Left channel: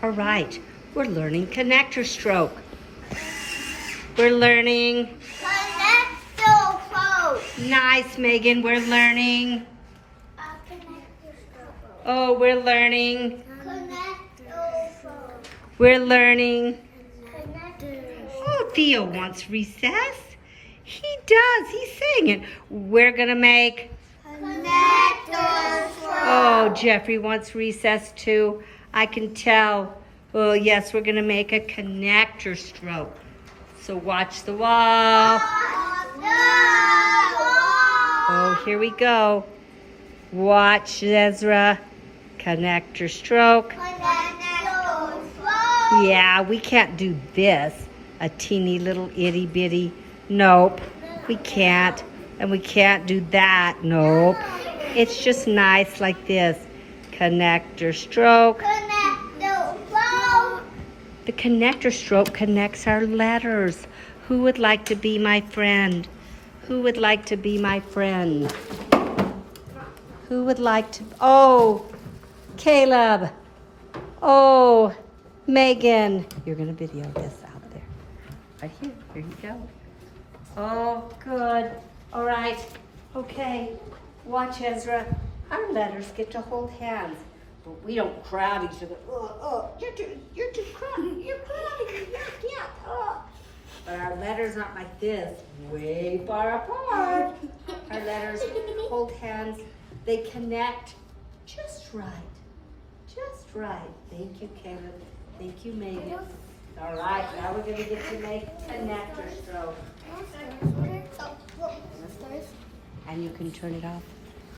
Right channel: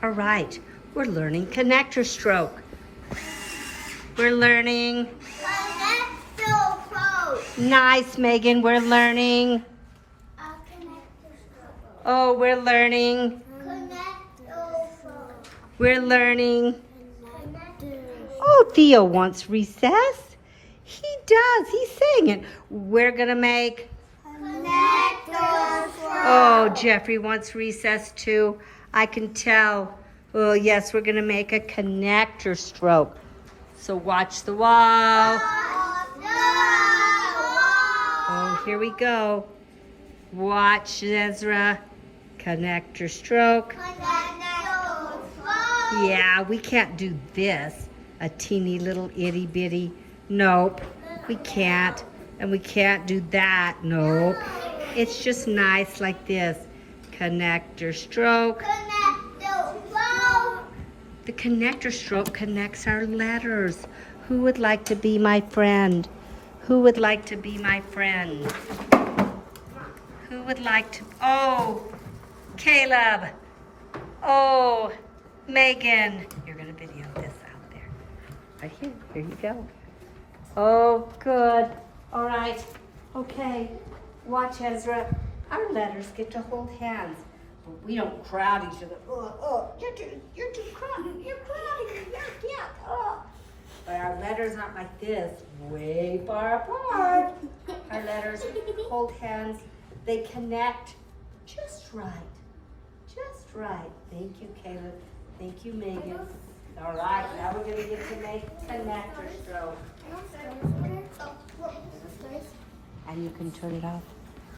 All right, we're learning connector stroke. We're learning. Connector stroke. Nice, Megan. We're learning. Connector stroke. Oh, we're learning. Connector stroke. We're learning. Connector. Oh, Theo wants recess. He does. He's saying it. We're going to make. Connector stroke. Oh, Jeffrey wants recess too. I can tell. Oh, yes, we're going to make a connector stroke. So watch the wall. Oh, here we go. Watch, Ezra. Connector stroke. Yeah, we can't do this. A teeny little itty bitty. Nope, we can't. And we can't do that. Nope. It's just nice like this. Connector stroke. The connector stroke connects our letters. Who would like to be my friend? Who would like to be my friend? Who would like to? Oh, Caleb. Oh, Megan. You're going to video this out there. Right here. Here you go. Oh, good. All right. Okay. Watch, Ezra. Our letters get to hold hands. But we don't crowd each other. Oh, you're too crowded. You're crowding. Yuck. But our letters aren't like this, way far apart. Our letters hold hands. They connect just right. Just right. Thank you, Caleb. Thank you, Megan. All right, now we're going to get to make connector stroke. And you can turn it off.